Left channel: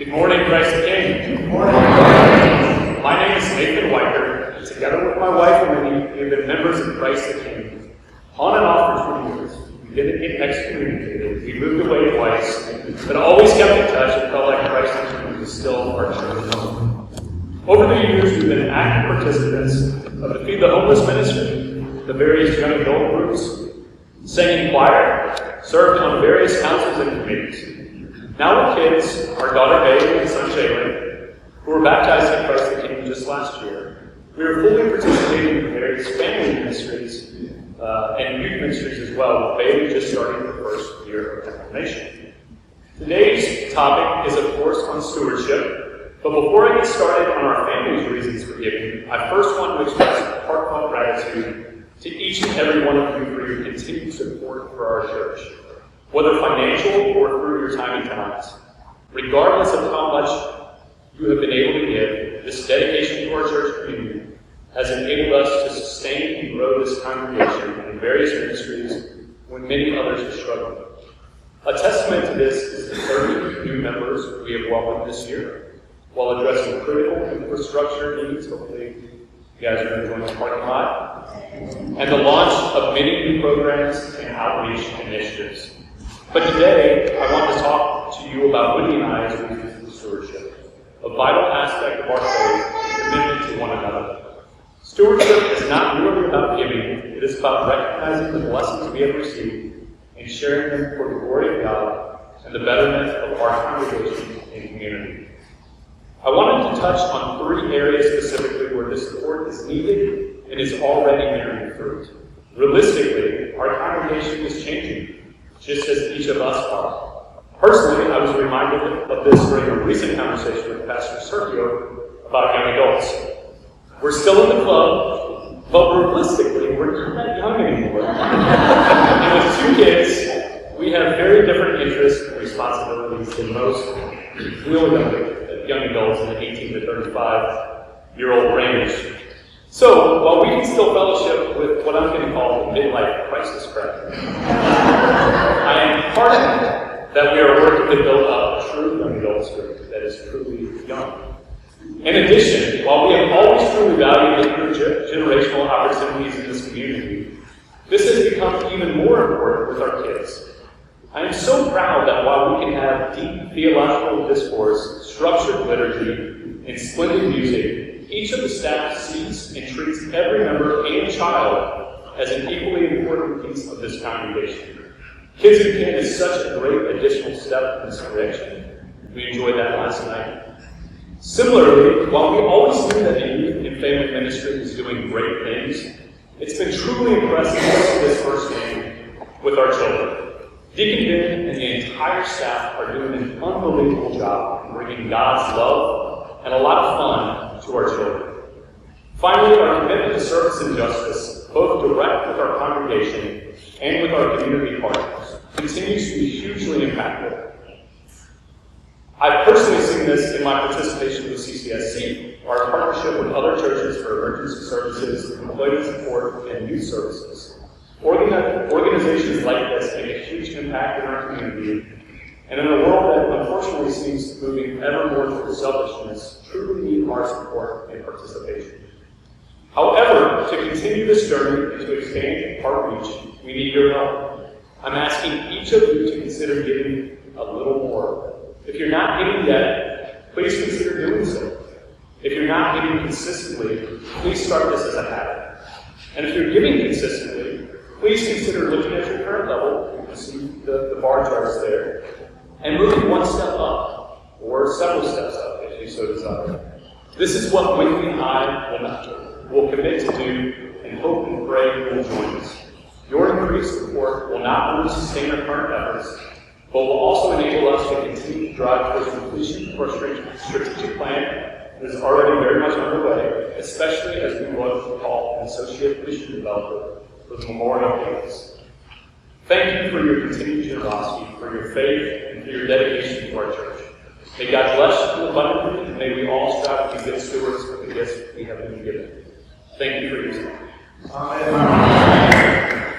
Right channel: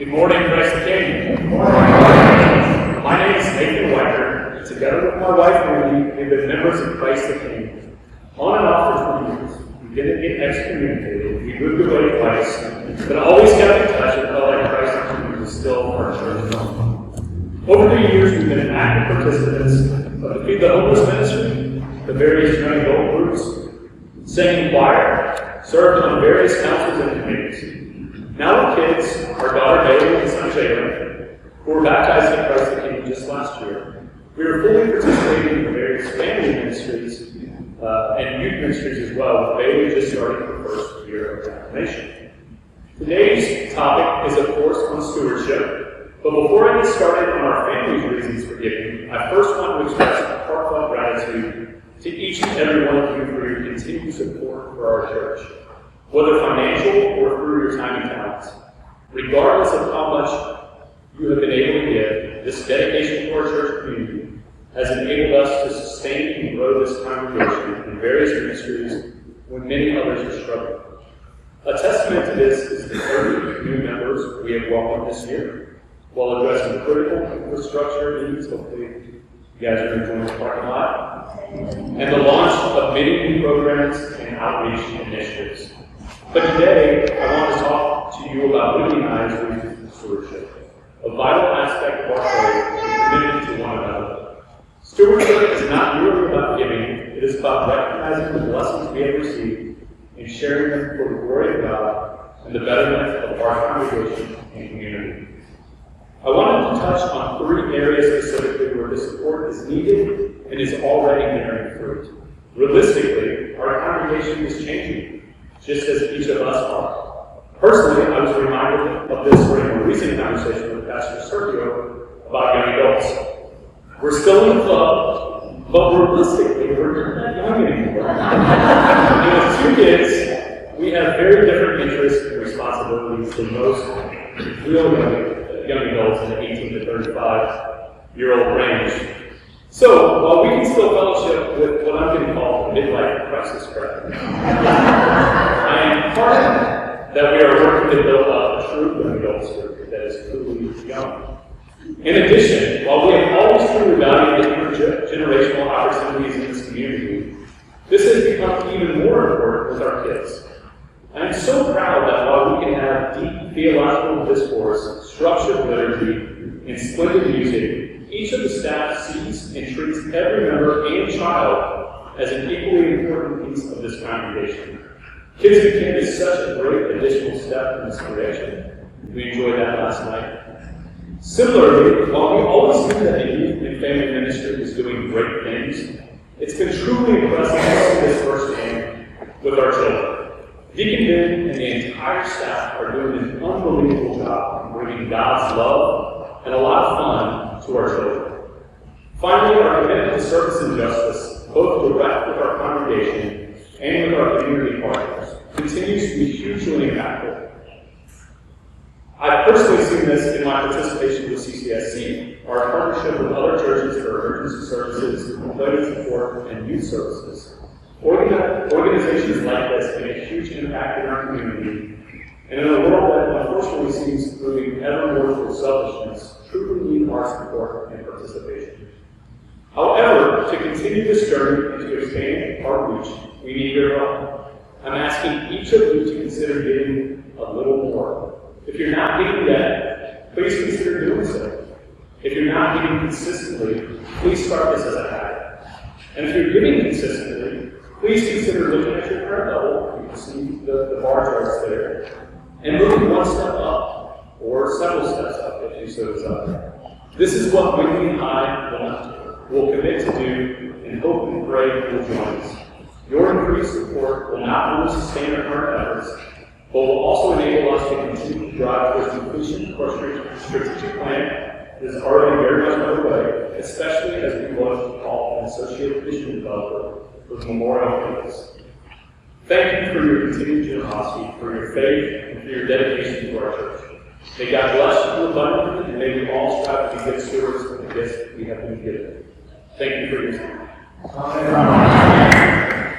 Good morning, Christ the King. Good morning. My name is Nathan Wiker, and together with my wife Wendy, we have been members of Christ the King. On and off for 20 years. We didn't get excommunicated, we moved away twice, but always kept in touch and felt like Christ the King was still our church home. Over the years, we've been active participants of the Feed the Homeless ministry, the various young adult groups, sang in choir, served on various councils and committees. Now we're kids, our daughter Bailey and son Jalen, who were baptized in Christ the King just last year. We are fully participating in various family ministries and youth ministries as well, with Bailey just starting her first year of confirmation. Today's topic is, of course, on stewardship, but before I get started on our family's reasons for giving, I first want to express a heartfelt gratitude to each and every one of you for your continued support for our church. Whether financial or through your time and talents, regardless of how much you have been able to give, this dedication to our church community has enabled us to sustain and grow this congregation in various ministries when many others are struggling. A testament to this is the 30 new members we have welcomed this year, while addressing critical infrastructure needs. Hopefully you guys are enjoying the parking lot, and the launch of many new programs and outreach initiatives. But today, I want to talk to you about Wendy and I's reasons for stewardship, a vital aspect of our faith and commitment to one another. Stewardship is not merely about giving, it is about recognizing the blessings we have received and sharing them for the glory of God and the betterment of our congregation and community. I wanted to touch on 3 areas specifically where this support is needed and is already bearing fruit. Realistically, our congregation is changing, just as each of us are. Personally, I was reminded of this during a recent conversation with Pastor Sergio about young adults. We're still in the club, but realistically, we're not that young anymore. And with 2 kids, we have very different interests and responsibilities than most real young adults in the 18 to 35-year-old range. So, while we can still fellowship with what I'm going to call the midlife crisis crowd, I am heartened that we are working to build up a true young adults group that is truly young. In addition, while we have always truly valued the intergenerational opportunities in this community, this has become even more important with our kids. I am so proud that while we can have deep theological discourse, structured liturgy, and splendid music, each of the staff sees and treats every member and child as an equally important piece of this congregation. Kids in Camp is such a great additional step in this direction. We enjoyed that last night. Similarly, while we always knew that the youth and family ministry is doing great things, it's been truly impressive to see this firsthand with our children. Deacon Ben and the entire staff are doing an unbelievable job in bringing God's love and a lot of fun to our children. Finally, our commitment to service and justice, both direct with our congregation and with our community partners, continues to be hugely impactful. I've personally seen this in my participation with CCSC, our partnership with other churches for emergency services, employment support, and youth services. Organizations like this make a huge impact in our community, and in a world that unfortunately seems moving ever more towards selfishness, truly need our support and participation. However, to continue this journey and to expand our reach, we need your help. I'm asking each of you to consider giving a little more. If you're not giving yet, please consider doing so. If you're not giving consistently, please start this as a habit. And if you're giving consistently, please consider looking at your current level. You can see the bar charts there. And moving one step up, or several steps up, if you so desire. This is what Wendy and I will commit to do, and hope and pray you will join us. Your increased support will not only sustain our current efforts, but will also enable us to continue to drive towards completion of our strategic plan that is already very much underway, especially as we look to call an associate mission developer for the Memorial Campus. Thank you for your continued generosity, for your faith, and for your dedication to our church. May God bless you abundantly, and may we all strive to be good stewards of the gifts we have been given. Thank you for your time. Amen.